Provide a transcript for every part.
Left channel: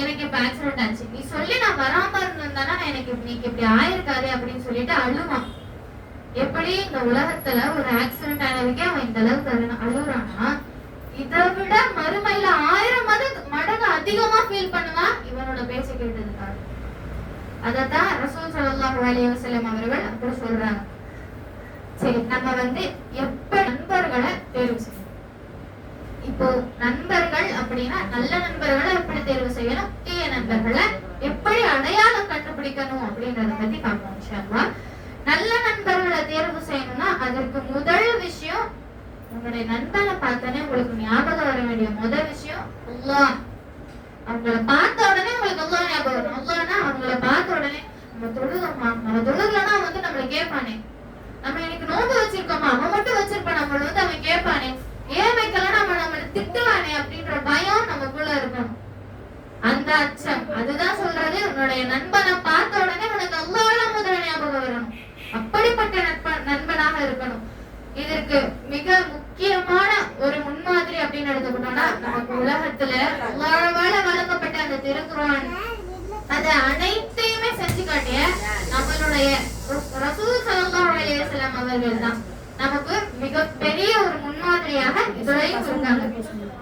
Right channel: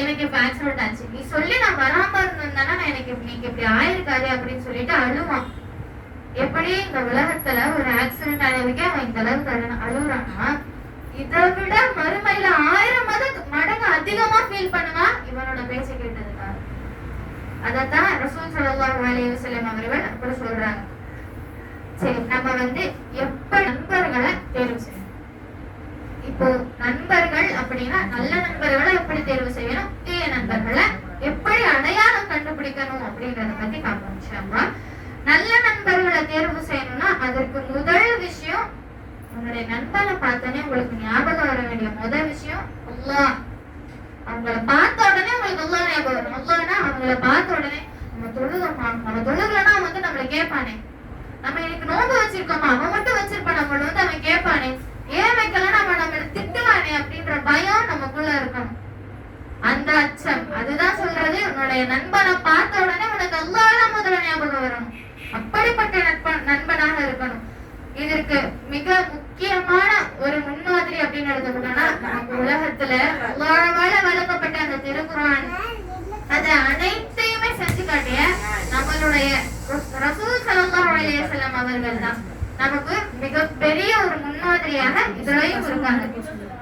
எனக்கு இப்ப ஆக்சிடென்ட் ஆச்சு, நீ சொல்லி நான் வராம இருந்தேன்னா எனக்கு இன்னைக்கு இப்படி ஆயிருக்காரு அப்படின்னு சொல்லிட்டு அழுவான். எப்படி இந்த உலகத்துல ஒரு ஆக்சிடென்ட் ஆனதுக்கே அவன் இந்த அளவுக்கு அழுகுறான்னா, இதை விட மறுமையில 1000 மடங்கு அதிகமா ஃபீல் பண்ணுவான் இவனோட பேச்ச கேட்டதுக்காக. அதத்தான் ரசூல் ஸல்லல்லாஹு அலைஹி வஸல்லம் அவர்கள் அப்படி சொல்றாங்க. சரி, நம்ம எப்ப நண்பர்களை தேர்வு செய்யணும்? இப்போ நண்பர்கள் அப்படின்னா நல்ல நண்பர்களை எப்படி தேர்வு செய்யணும், தீய நண்பர்களை எப்படி அடையாளம் கண்டுபிடிக்கணும் அப்படின்றத பத்தி பார்ப்போம் இன்ஷா அல்லாஹ். நல்ல நண்பர்களை தேர்வு செய்யணும்னா அதற்கு முதல் விஷயம், உங்களுடைய நண்பனை பார்த்தோன்னே உங்களுக்கு ஞாபகம் வர வேண்டிய முதல் விஷயம் அல்லாஹ். அவங்கள பார்த்த உடனே உங்களுக்கு அல்லாஹ் ஞாபகம் வரும். அல்லாஹ்னா அவங்கள பார்த்த உடனே நம்ம தொழுகமா, நம்ம தொழுகனா நம்மளை கேட்பானே, நம்ம இன்னைக்கு நோன்பு வச்சிருக்கோமா, அவன் மட்டும் வச்சிருப்பான், நம்மள அவன் கேட்பானே, ஏன் வைக்கலாம் நம்மளை திட்டுவானே அப்படின்ற பயம் நமக்குள்ள இருக்கணும். அந்த அச்சம், அதுதான் சொல்றது உன்னுடைய நண்பனை பார்த்த உடனே உனக்கு அல்லாஹ் முதல்ல ஞாபகம் வரணும். அப்படிப்பட்ட நண்பனாக இருக்கணும். இதற்கு மிக முக்கியமான ஒரு முன்மாதிரி அப்படின்னு எடுத்துக்கிட்டோம்னா, நமக்கு உலகத்துல அல்லாஹ்வால வழங்கப்பட்ட அந்த திருக்குர்ஆன் அத அனைத்தையுமே செஞ்சு காட்டிய நம்மளுடைய ரசூல் ஸல்லல்லாஹு அலைஹி வஸல்லம் அவர்கள் தான் நமக்கு மிகப்பெரிய ஒரு முன்மாதிரியாக இதுலயும் இருக்காங்க.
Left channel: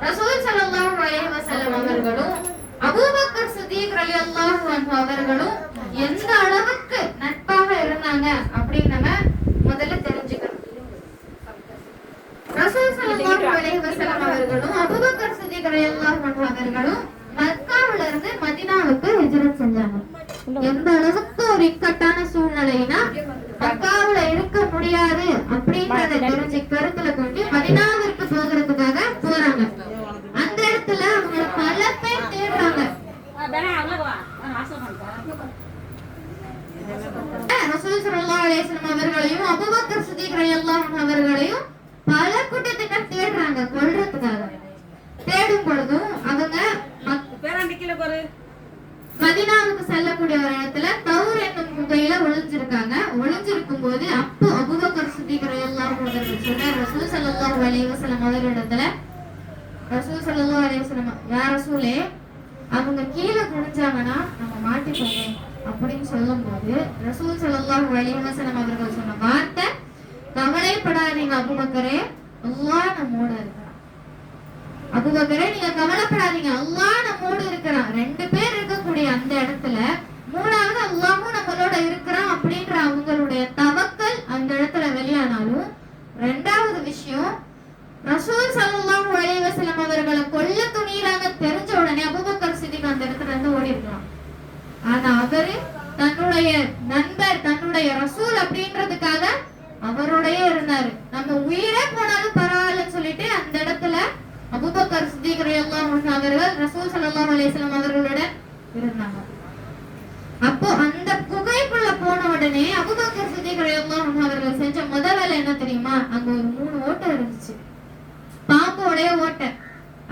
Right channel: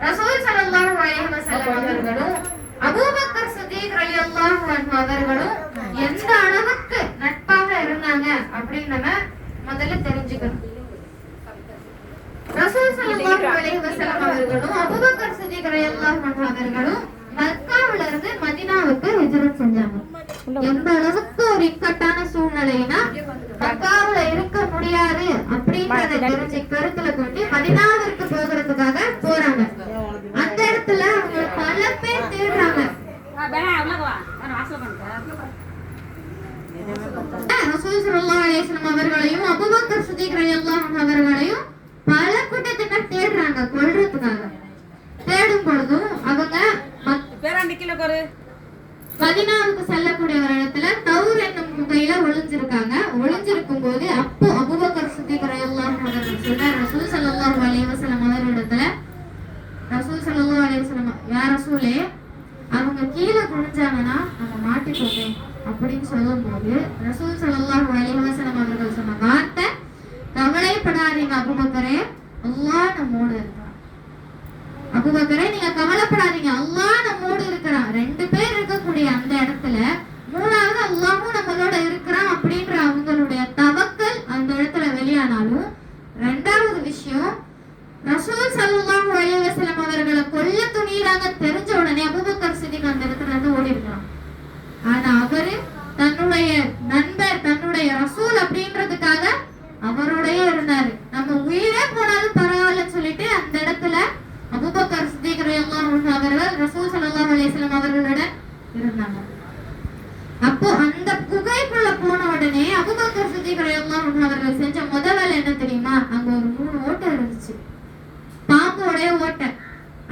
ரசூல் ஸல்லல்லாஹு அலைஹி வஸல்லம் அவர்களும் அபூபக்கர் சித்திக் ரலியல்லாஹு அன்ஹு அவர்களும் எந்த அளவுக்கு நட்பாக இருந்தாங்க அப்படின்னு நம்ம முதல்ல தெரிஞ்சுக்கணும். ரசூல் ஸல்லல்லாஹு அலைஹி வஸல்லம் அவர்களும் அபூபக்கர் சித்திக் ரலியல்லாஹு அன்ஹு அவர்களும் மக்காவுல இருந்து மதீனாவுக்கு ஹிஜ்ரத் செஞ்சாங்க. எந்த அளவுக்கு ஒரு இக்கட்டான சூழ்நிலைனா மக்காவுல இருக்க முடியாது அப்படிங்கறத கருத்துல கொண்டு மதீனாவிற்கு போகிறதுக்காக போறாங்க. அந்த இடத்துல அவங்க பல பேர் தேடுறாங்க. ரசூல் ஸல்லல்லாஹு அலைஹி வஸல்லம் அவர்களையும் அபூபக்கர் சித்திக் ரலியல்லாஹு அன்ஹு அவர்களையும் பல கூட்டத்தினர் தேடுறாங்க கொல்றதுக்காக. தேடும் பொழுதும் அவங்க மதீனாவுக்கு செல்லக்கூடிய ஒரு இடத்துல தௌர் என்னும் குகையில ஒளிஞ்சிருக்காங்க. ஒளிஞ்சிருக்கும் போது அப்போ அபூபக்கர் சித்திக் ரலியல்லாஹு அன்ஹு அவர்கள் சொன்னார் ரசூல் ஸல்லல்லாஹு அலைஹி வஸல்லம் அவர்களிடத்துல, ரசூல் ஸல்லல்லாஹு அலைஹி வஸல்லம், யா ரசூலே, அவங்க கீழே குனிஞ்சாங்கன்னா நம்ம மாட்டிப்போமே அப்படின்னு சொல்லும்போது ரசூல் ஸல்லல்லாஹு அலைஹி வஸல்லம் அவர்கள் சொன்ன வார்த்தை, கவலைப்படாதீங்க அபூபக்கரே, அல்லாஹ் நம்மோடு இருக்கிறான். அபூபக்கரே, நீங்க கவலைப்படாதீங்க, அல்லாஹ் நம்மோடு இருக்கிறான். 2 பேர் இருக்கக்கூடிய அந்த இடத்துல மூணாவது அல்லாஹ்வும் நம்மளோட இருக்கிறான் அப்படின்ற அவங்களுடைய தவக்கல் அந்த இடத்துல வெளியானாலும், 2வது விஷயம், ரசூல் ஸல்லல்லாஹு அலைஹி வஸல்லம் அவர்களை கொல்ல துணியிறாங்க தெரிஞ்ச உடனே அபூபக்கர் சித்திக் அந்த இடத்துல இருந்து ஓடி இருக்கலாம். ஆனா அவரு தன்னுடைய நண்பர், தன்னுடைய ரசூல் அப்படின்றதுக்காக அவரோடய இருந்தாரு. நம்ம உயிரே போனாலும் பரவாயில்லன்னு சொல்லிட்டு அந்த இடத்துல அபூபக்கர் சித்திக் ரலியல்லாஹு அன்ஹு அவர்கள் ரசூல் ஸல்லல்லாஹு அலைஹி வஸல்லம் அவர்களோட இருந்தாங்க. அப்போ அந்த குகைக்குள்ள போன உடனே அபூபக்கர் சித்திக் ரலியல்லாஹு அன்ஹு அவர்கள் செஞ்ச முதல் வேலை என்ன தெரியுமா? அங்க ஒரு 3 ஓட்டை இருந்துச்சு, பாம்போடைய ஓட்டை.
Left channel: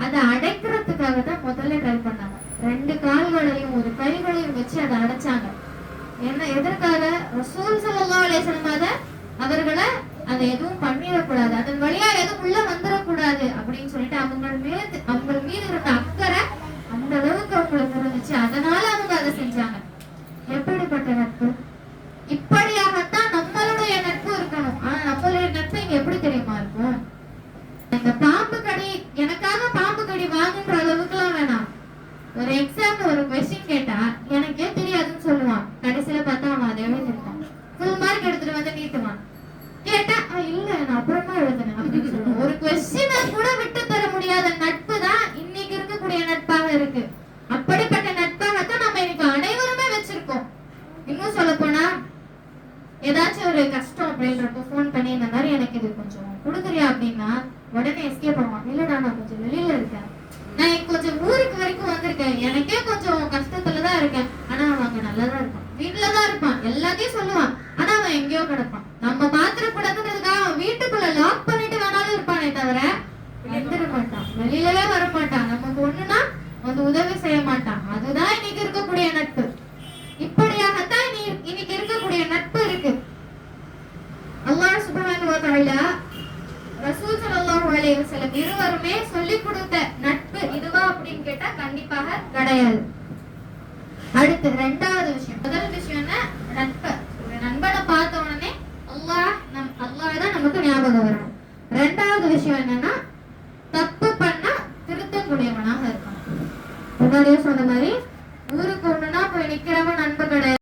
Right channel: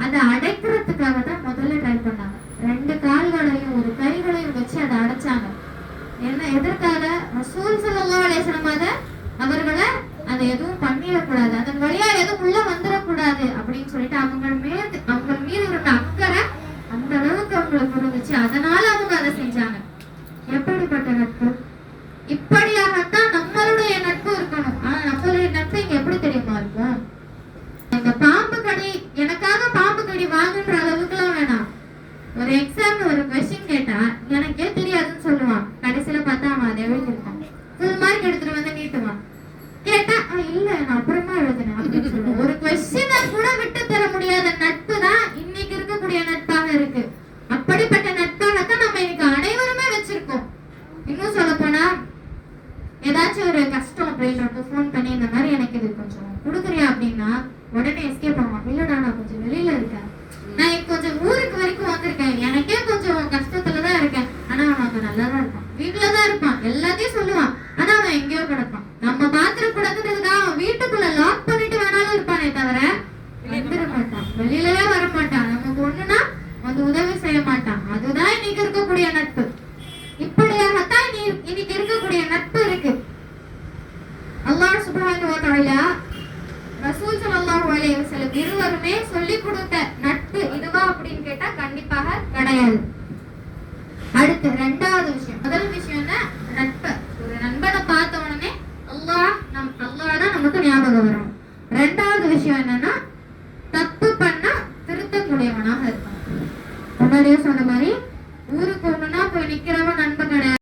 அதை அடைக்கிறதுக்காக தான் முதல்ல ட்ரை பண்ணாங்க. 2 கால்களையும் ஒரு கைகளையும் வச்சு அதை அடைச்சாங்க. என்ன எதற்காக? ரசூல் ஸல்லல்லாஹு அலைஹி வஸல்லம் அவர்களை அதை எதுவும் பண்ணிடக்கூடாது, அதன் வழியா எதுவும் உள்ள வந்துடக்கூடாது அப்படின்னு சொல்லிட்டு அவங்க மீது இருந்த அக்கறை அந்த அளவுக்கு அவங்களுக்கு இருந்துச்சு. அதனால அவங்க அதை செஞ்சாங்க. எப்படிப்பட்ட நட்பு! இப்படியாகத்தான் நம்மளுடைய நட்பு இருக்கணும். ஆனா நம்மளுடைய நட்பு இங்க எப்படி தெரியுமா இருக்கும்? இந்த பாம்பு கடி, எனக்காக பாம்பு கடி வாங்குன்ற அளவுக்கு எல்லாம் வேணாம். ஒரு எக்ஸாம்ல ஒரு கொஸ்டின் கேட்டா எனக்கே தெரியாதுன்னு சொல்லுவான். கடைசியில பார்த்தா அவன் அதை எழுதிருக்கான். ஃபுல் மார்க் எடுத்துட்டு வந்து நீட்டுவான். கேட்டா இல்ல நான் அப்புறமா எழுதுனேன் அப்படின்னு சொல்லுவான். ஒரு கொஸ்டினை கூட விட்டு தர முடியாத நட்பு தான் இன்னைக்கு இருக்கக்கூடிய நட்பாக இருக்கு. அப்படிப்பட்ட நட்பாகத்தான் நம்ம இன்னைக்கு அனைவருமே வச்சிருக்கோம். இன்னும் சொல்ல போனா ஏதாச்சும் ஒரு கஷ்டம் அப்படின்றப்ப போன் பண்ணி இந்த மாதிரி எனக்கு இது கொஞ்சம் கொடுக்குறியா அப்படின்னா உடனே எஸ்கேப் பண்ணுவான். இல்லடா நான் கொஞ்சம் வெளியில இருக்கேன், நான் கொஞ்சம் ஊருக்கு வரைக்கும் வந்திருக்கேன், எனக்கே கொஞ்சம் கஷ்டத்துலதான் இருக்கேன். ஆனா அவன் அங்க நல்லாதான் இருப்பான், வீட்டுலதான் இருப்பான், எல்லாத்தையும் சொல்லுவான். ஆனா அவன் எங்கேயோ கிடப்பான். நம்ம பாத்திரக்கூடாதுன்றதுக்காக அவன் வீட்டுக்குள்ள லாக் பண்ணிட்டு வேணாலும் இருப்பானே தவிர வந்துட மாட்டான், வெளியிலவே வர மாட்டான். நமக்கு ஒண்ணுன்னா வந்து உதவி செய்ய மாட்டான். அதுதான் இன்னைக்கு இருக்கக்கூடிய நட்பு. இப்படியாகத்தான் இன்னைக்கு இருக்கக்கூடிய நட்பு இருக்கு. அல்லாஹ் சுப்ஹானஹு வ தஆலா ரசூல் ஸல்லல்லாஹு அலைஹி வஸல்லம் இருவருமே சொல்லி கொடுத்த நட்பு இதுவா அப்படின்னு கேட்டா கண்டிப்பாக கிடையாது. அடுத்து ரெண்டாவது விஷயம், முதல் விஷயம் என்ன, ஒரு நண்பனை பார்த்த உடனே அல்லாஹ் தான் நமக்கு ஞாபகம் வரும். ரெண்டாவது விஷயம் என்னன்னா தப்பு பண்ணா திருத்தக்கூடியவனாக இருக்கணும். முன்னாடியே சொன்ன மாதிரி ஊருக்கு ஒண்ணுனா போய் நிக்கிறவன் நண்பன் கிடையாது.